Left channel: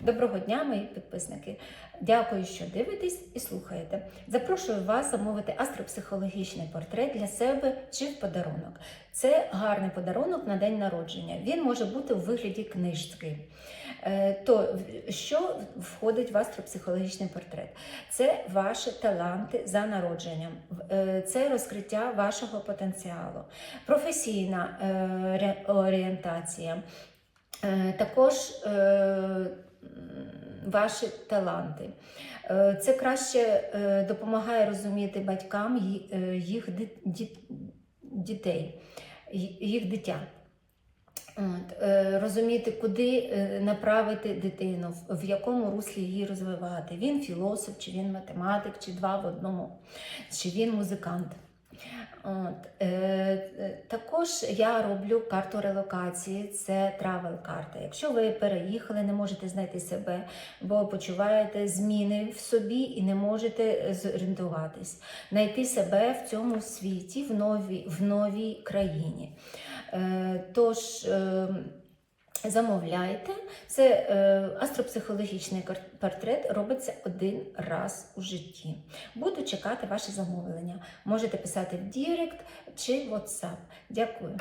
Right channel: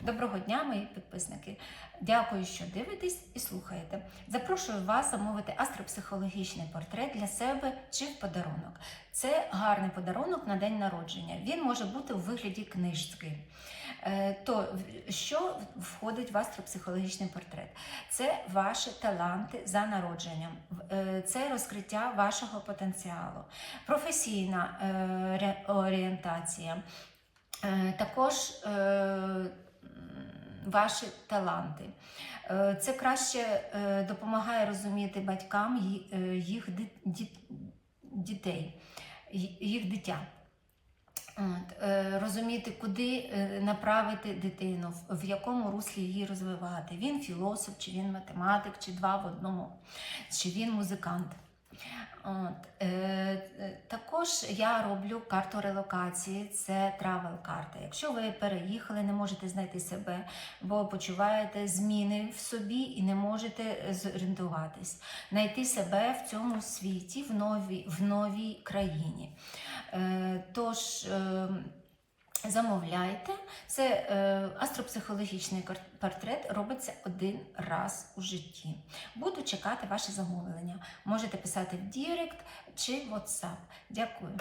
Доброго дня, мої підписники. Дякую, що дивитесь і слухаєте. Запрошую вас замовити астропсихологічний портрет для себе чи в подарунок. Це гарний подарунок на день народження. Він може бути у вигляді книжки. Е, То що входить в астропсихологічний портрет? Це ваші таланти за народженням, е, це розкриття вашого потенціалу, професійна е, орієнтація, також ваші таланти. Е, Це краще е, допомагає розуміти батькам е, їх дітей, їх дитя. От, розуміти, куди направити дитину, в, якому руслі її розвивати. Він філософ, чи він математик, чи два в одному, чи він музикант. От, також я роблю карту релокації, це травел карта. Якщо ви переїхали, не можете знайти себе, бо почуваєте зміни в собі і не можете зорієнтуватись, знайти себе в цьому світі, в новій, в новій країні. Е, Тож е, замовляйте. Це е, астропсихологічний портрет робиться один раз у житті. Буду чекати ваші замовлення. Можете писати в Дірект чи в WhatsApp. Дякую.